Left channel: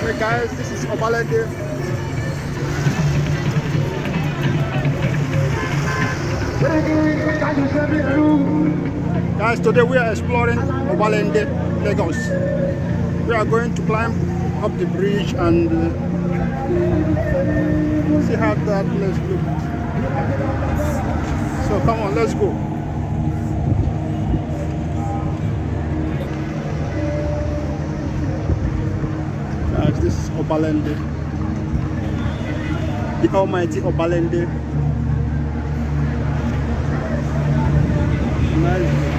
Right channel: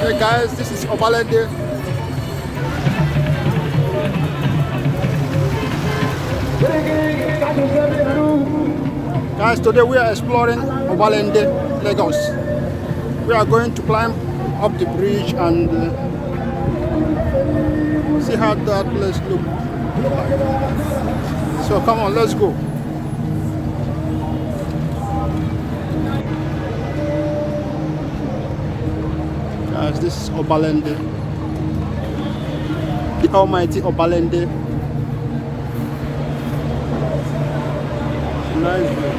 Hey guys, this is Obalende. Guys, today we are exploring Obalende, Lagos. We are going to climb up the bridge and see how that place looks. So come on, let's go. Guys, this is Obalende, the almighty Obalende. Nice view.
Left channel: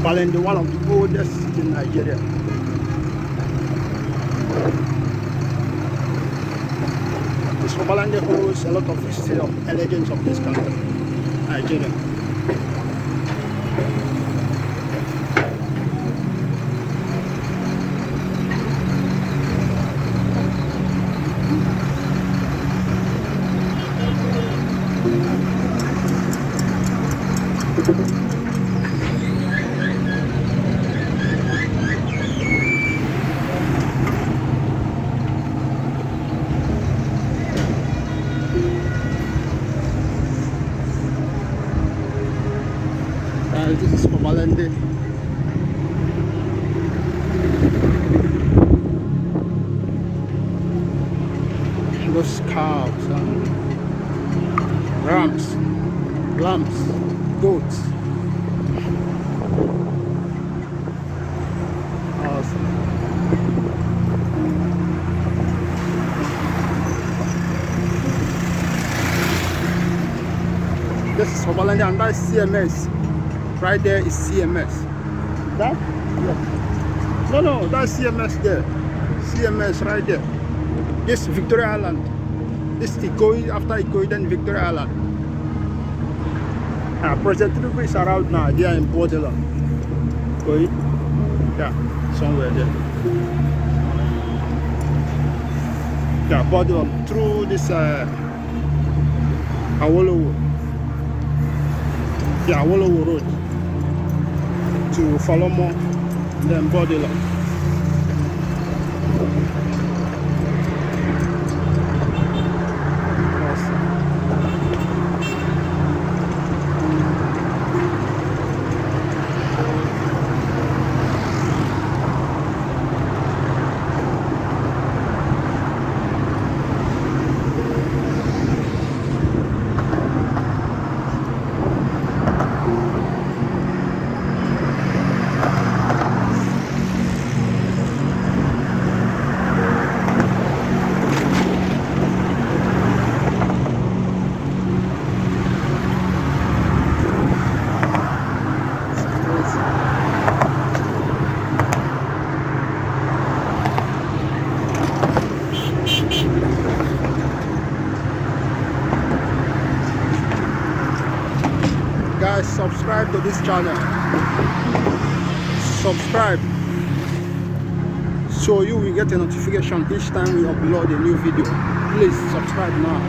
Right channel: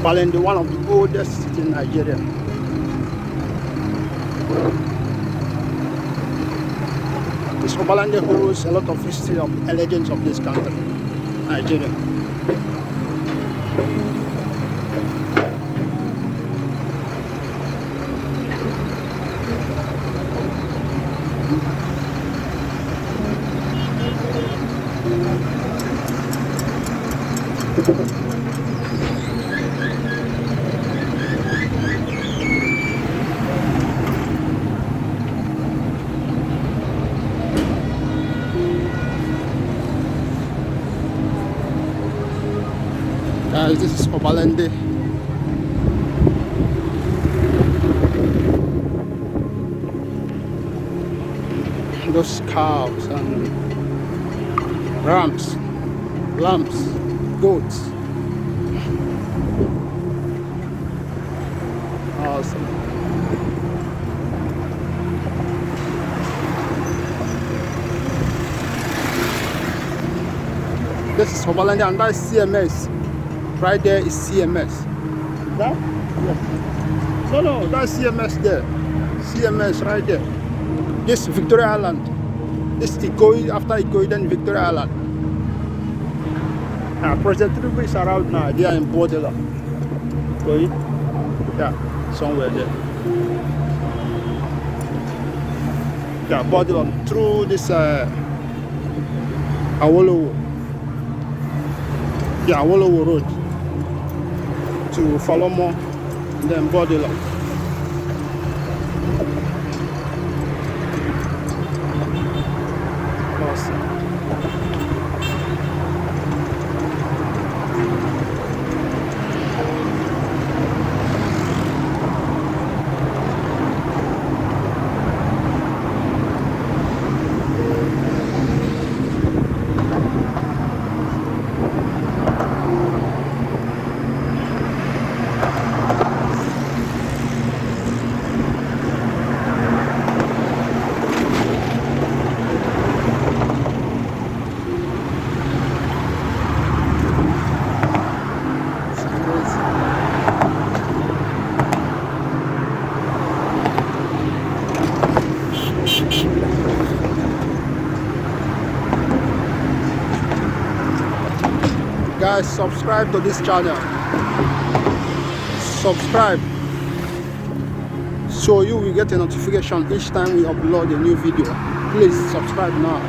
Obalende, one of the oldest cities in Nigeria. This Obalende holds a lot of history of the legends of this country, Nigeria. Guys, this is Obalende. Those cows and rams, lambs, goats. Awesome. This is Obalende and that's CMS. Right there is CMS. That? Yeah. No, that's CMS there. CMS right there. This Victoria Island. This Ikoyi, after Ikoyi, then Victoria Island. President Tinubu is around now. They are in borderland. Ikoyi. Yeah, somewhere there. Yeah, borderland through this Awolowo. Yeah, Awolowo Road to Falomo and then borderland. Guys, subscribe to this channel. Subscribe so you will get a notification each time we upload a new video. Please subscribe now.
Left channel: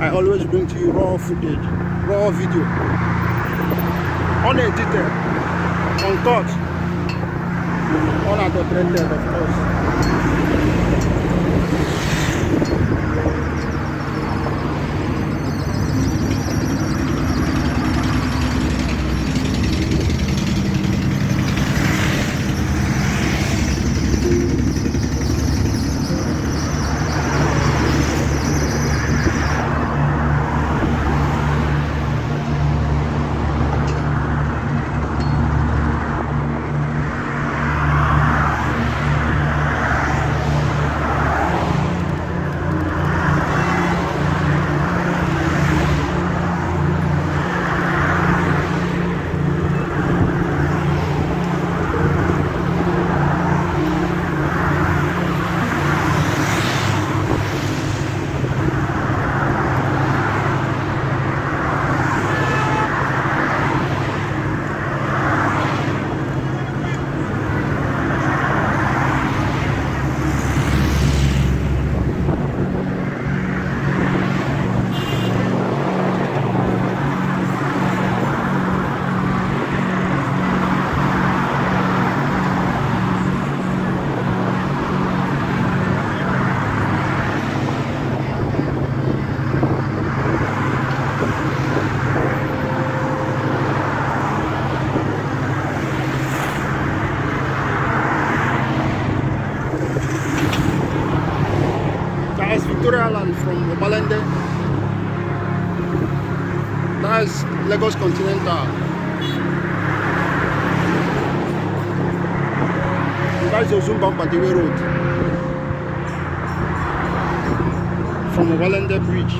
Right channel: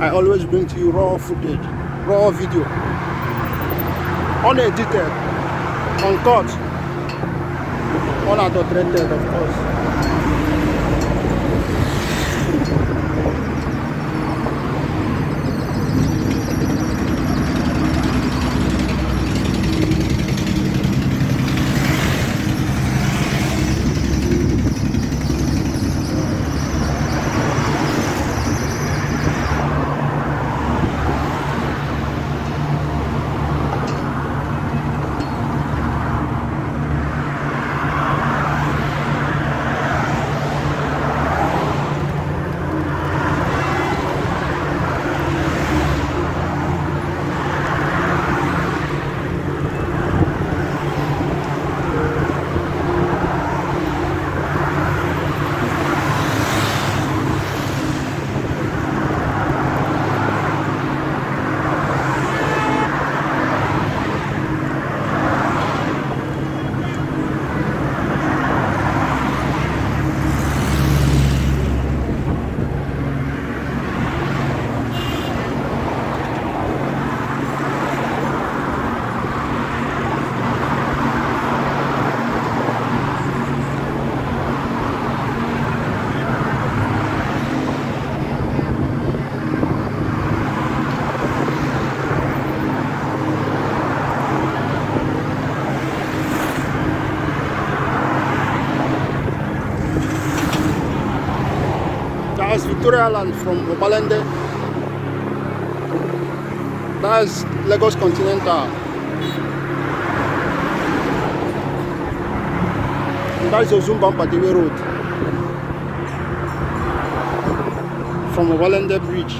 I always bring to you raw footage, raw video, unedited, uncut, unadulterated, of course. Victoria Island from Obalende. That's Lagos Continental. And that's Ozumba Padiwe Road from Obalende Bridge.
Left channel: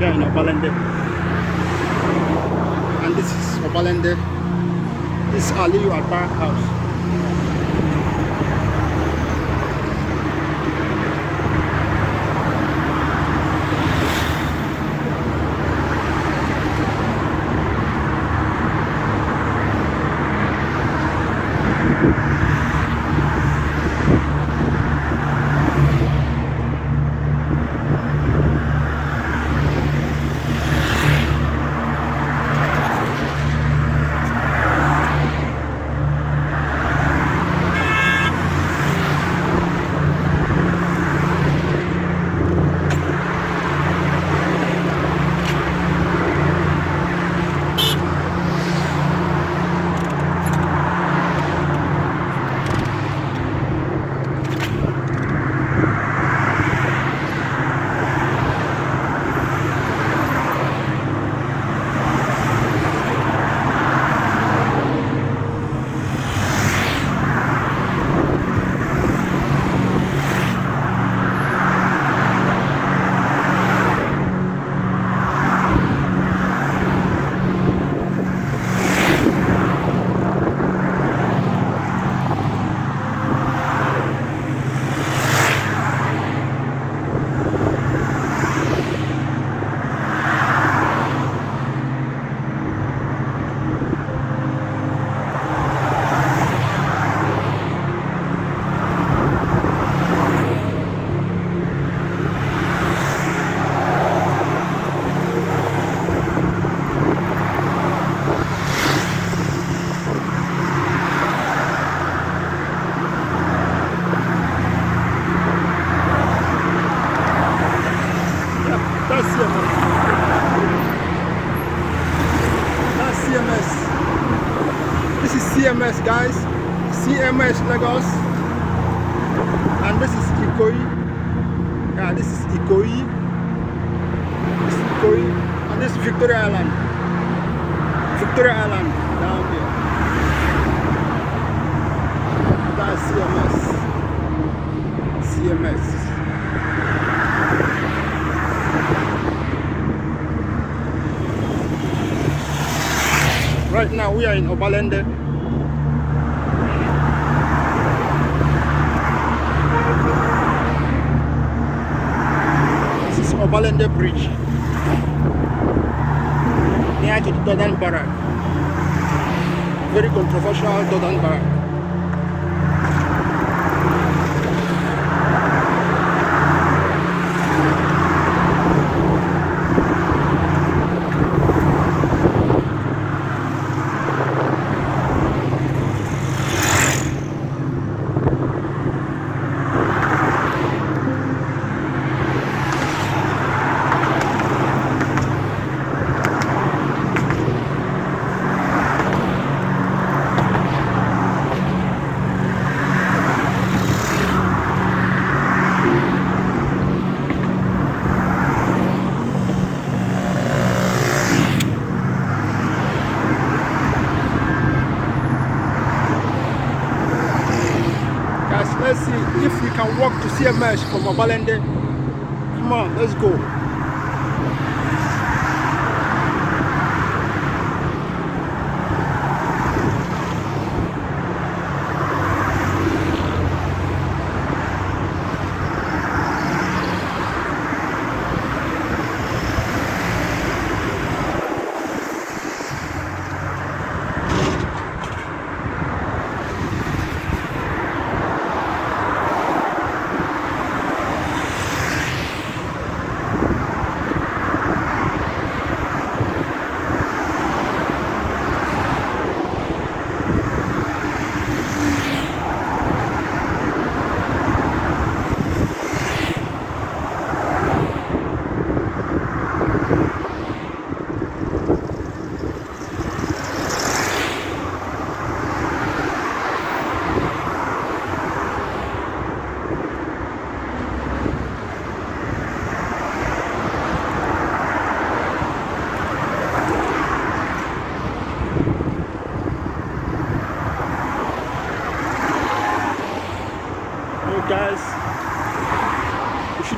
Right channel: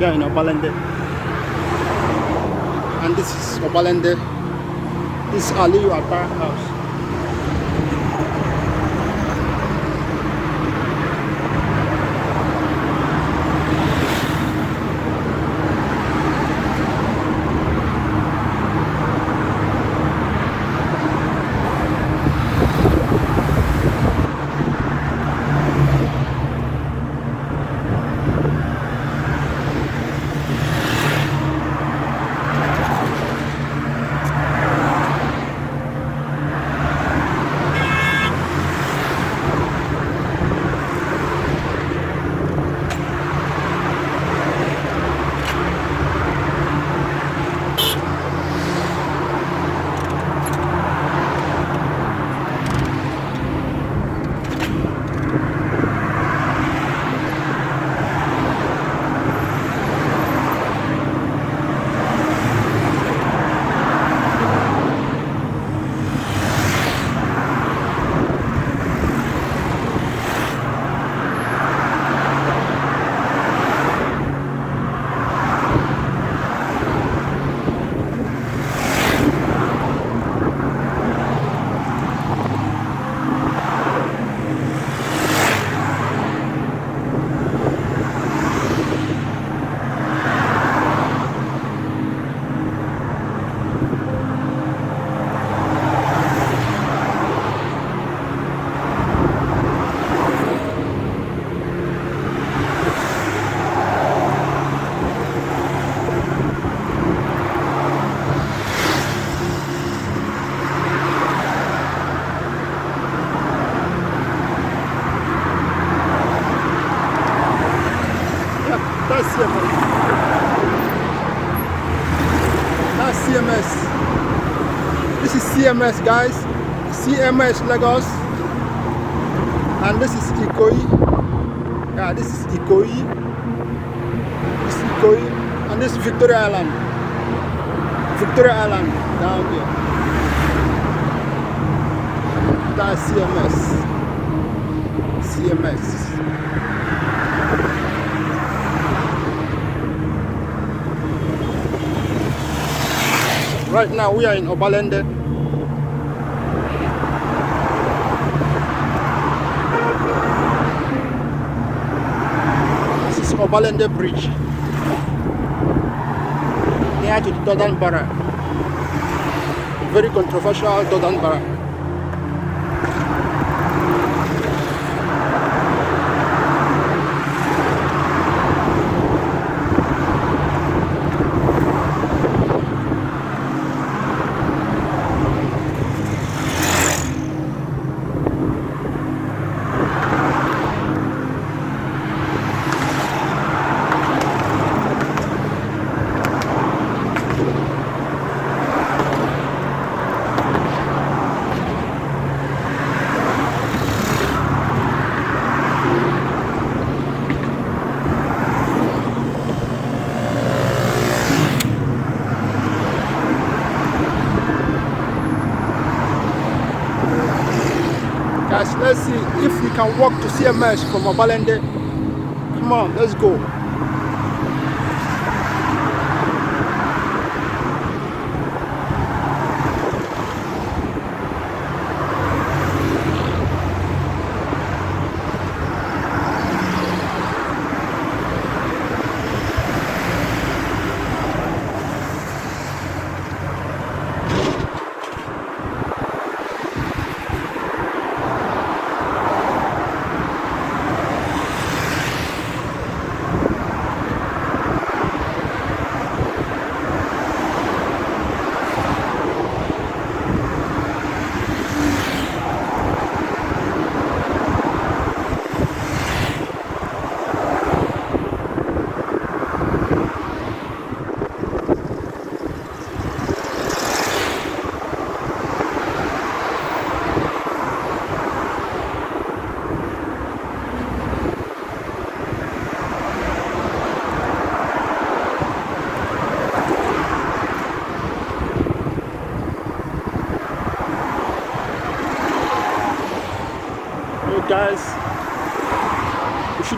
Yeah, in Obalende. And this is Obalende. This is Aliyu Atta house. That's CMS. That's CMS. This is CMS, guys. CMS Lagos. And this is Ikoyi. Yeah, this is Ikoyi. This is Ikoyi. And this is Victoria Island. Victoria Island down here. That's CMS. CMS. Right now we are in Obalende. This is Obalende Bridge. Near to the Dodan Barrack. Very controversial Dodan Barrack. Guys, let's see if we can walk to CMS from Obalende. Come on, let's go.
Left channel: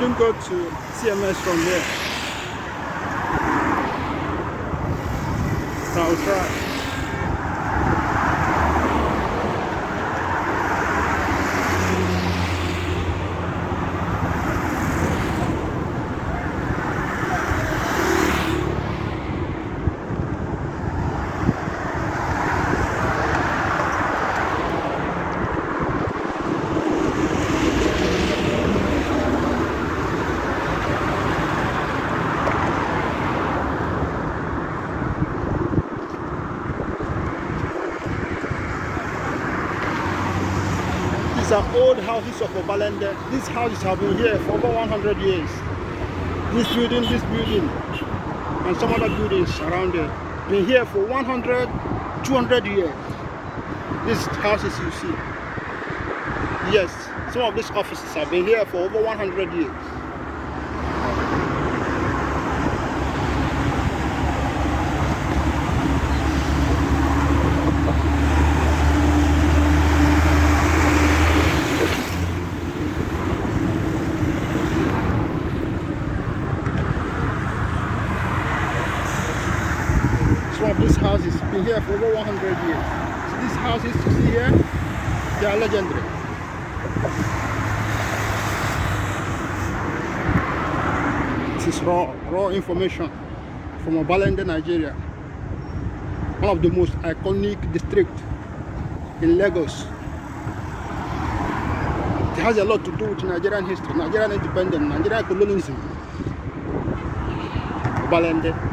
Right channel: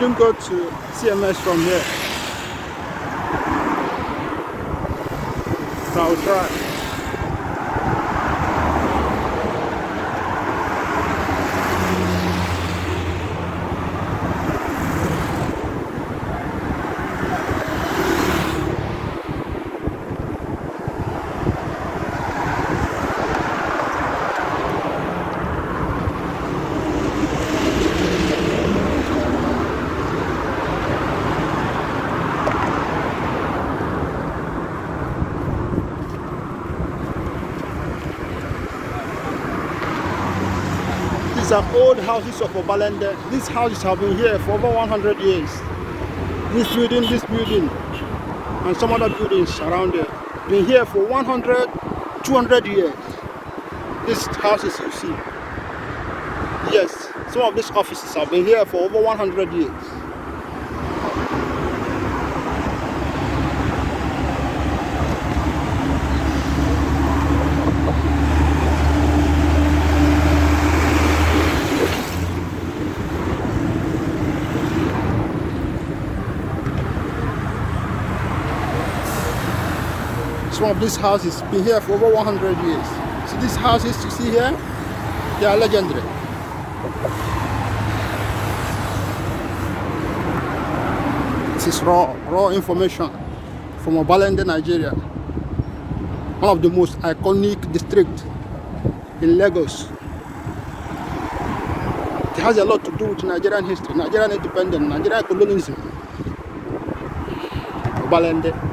shouldn't go to CMS from here. So I'll try. These are old houses of Obalende. These houses have been here for over 100 years. This building, and some other buildings around there. Been here for 100, 200 years. These houses you see. Yes, some of these offices have been here for over 100 years. Some of these houses been here for over 100 years. So these houses you see here, they are legendary. This is raw information from Obalende, Nigeria. One of the most iconic districts in Lagos. It has a lot to do with Nigerian history, Nigerian independence, Nigerian colonialism. Obalende.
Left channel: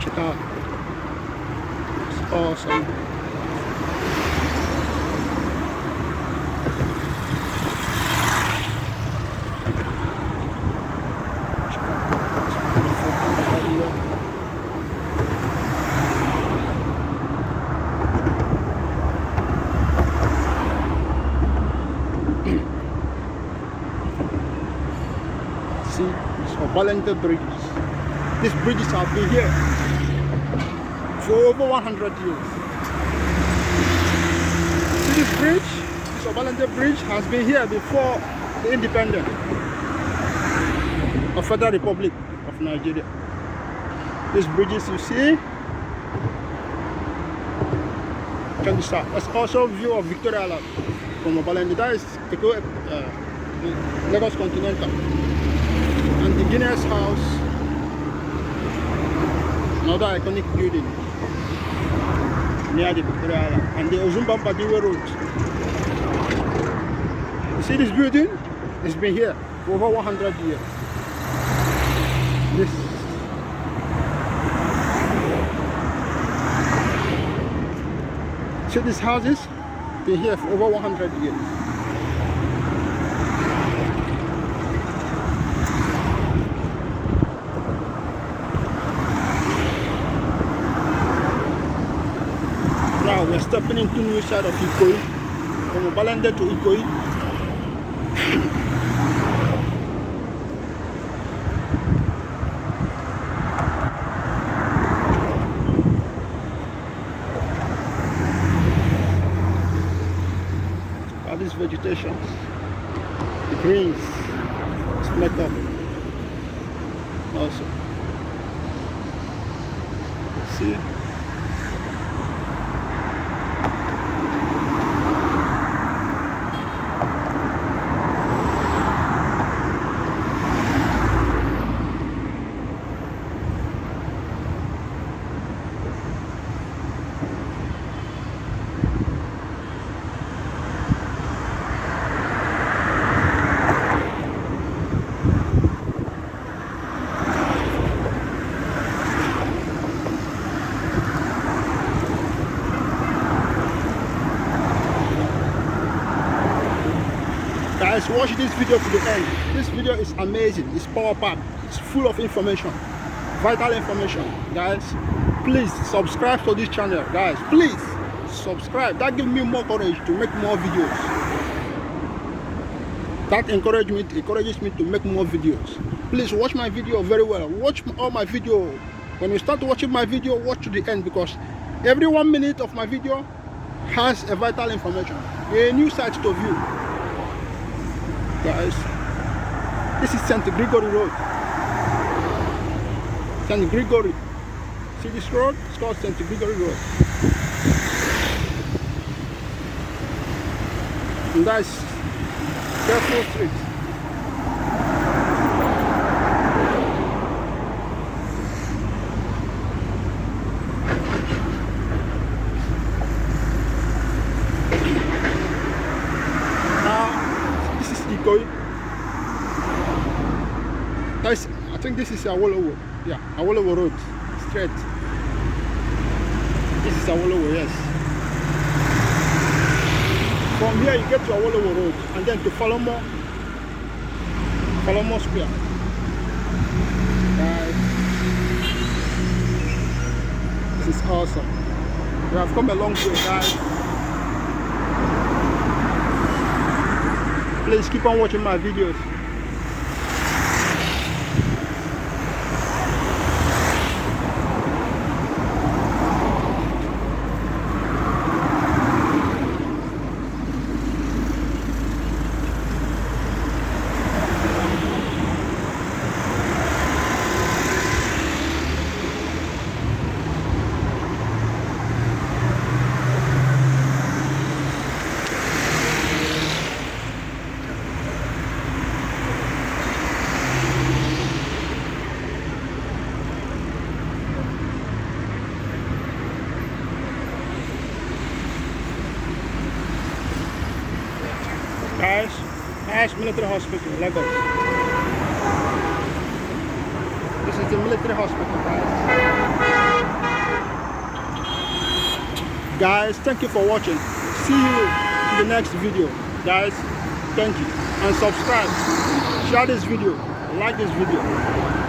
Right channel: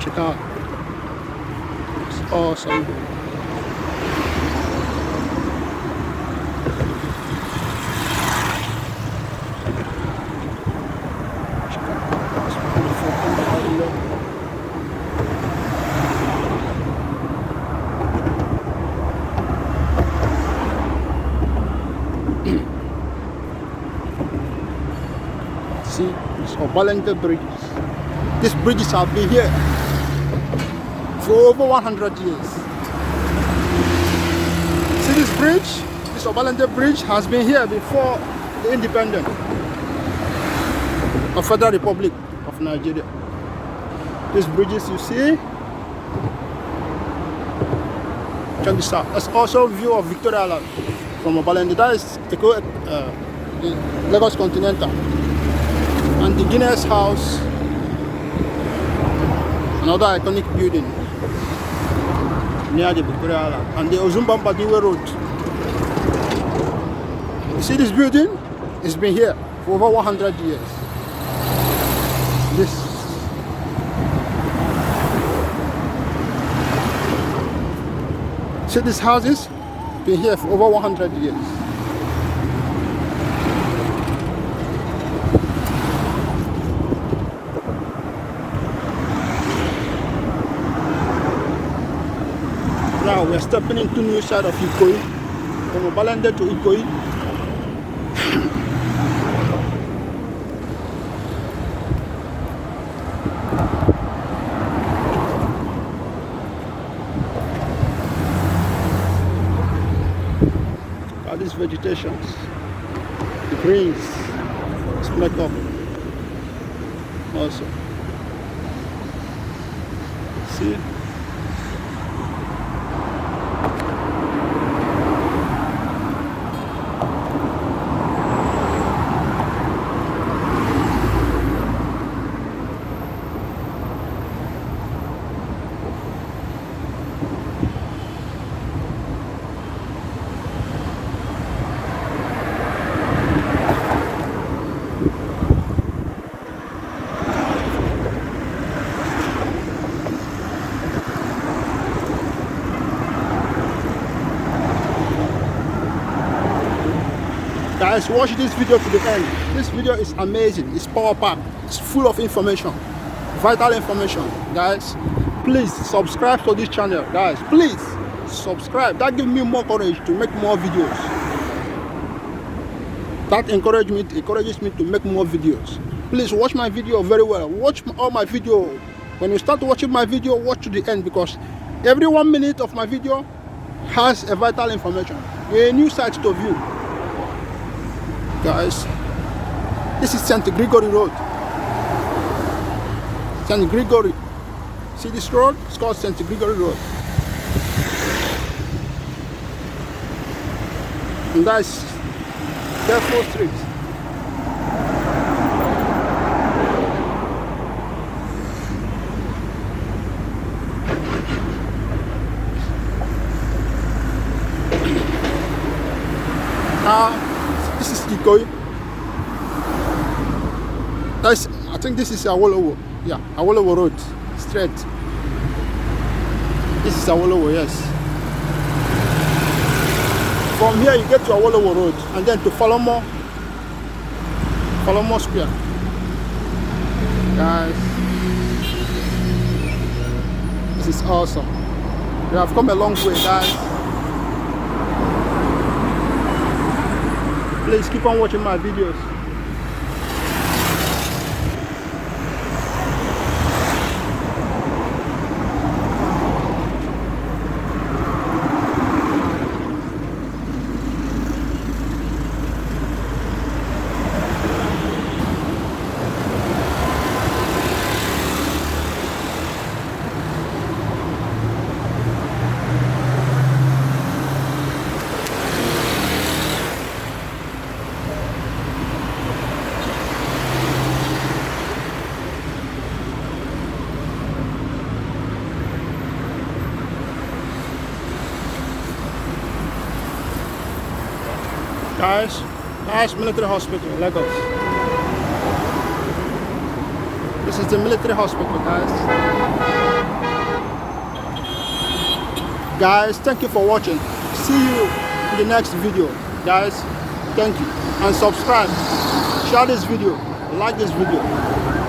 Check out. It's awesome. See, it's Obalende Bridge. These bridges have been here for over 100 years. See this bridge? This Obalende Bridge has been here before the independence of Federal Republic of Nigeria. These bridges you see can be south. There's also a view of Victoria Island from Obalende. That is Lagos Continental. And the Guinness House, another iconic building near the Victoria Island, and the Ozumbamba-Diwe Road. You see this building? It's been here for over 100 years. This. See these houses? Been here for over 100 years. Now we're stepping into new side of Ikoyi, from Obalende to Ikoyi. All these vegetations, the greens, it's make up also. See? Guys, watch this video to the end. This video is amazing. It's power packed. It's full of information, vital information. Guys, please subscribe to this channel. Guys, please subscribe. That gives me more courage to make more videos. That encourages me to make more videos. Please watch my video very well. Watch all my video When you start watching my video, watch to the end, because every 1 minute of my video has a vital information, a new site to view. Guys, this is St. Gregory Road. St. Gregory. See this road? It's called St. Gregory Road. And that's Careful Street. Now, this is Ikoyi. I think this is Awolowo. Yeah, Awolowo Road. Straight. This is Awolowo, yes. From here you get to Awolowo Road and then to Falomo Square. Guys, this is awesome. We have come a long way, guys. Please keep on watching my videos. Guys, military hospital, Lagos. This is the military hospital, guys. Guys, thank you for watching. See you in the next video. Guys, thank you. And subscribe, share this video, like this video.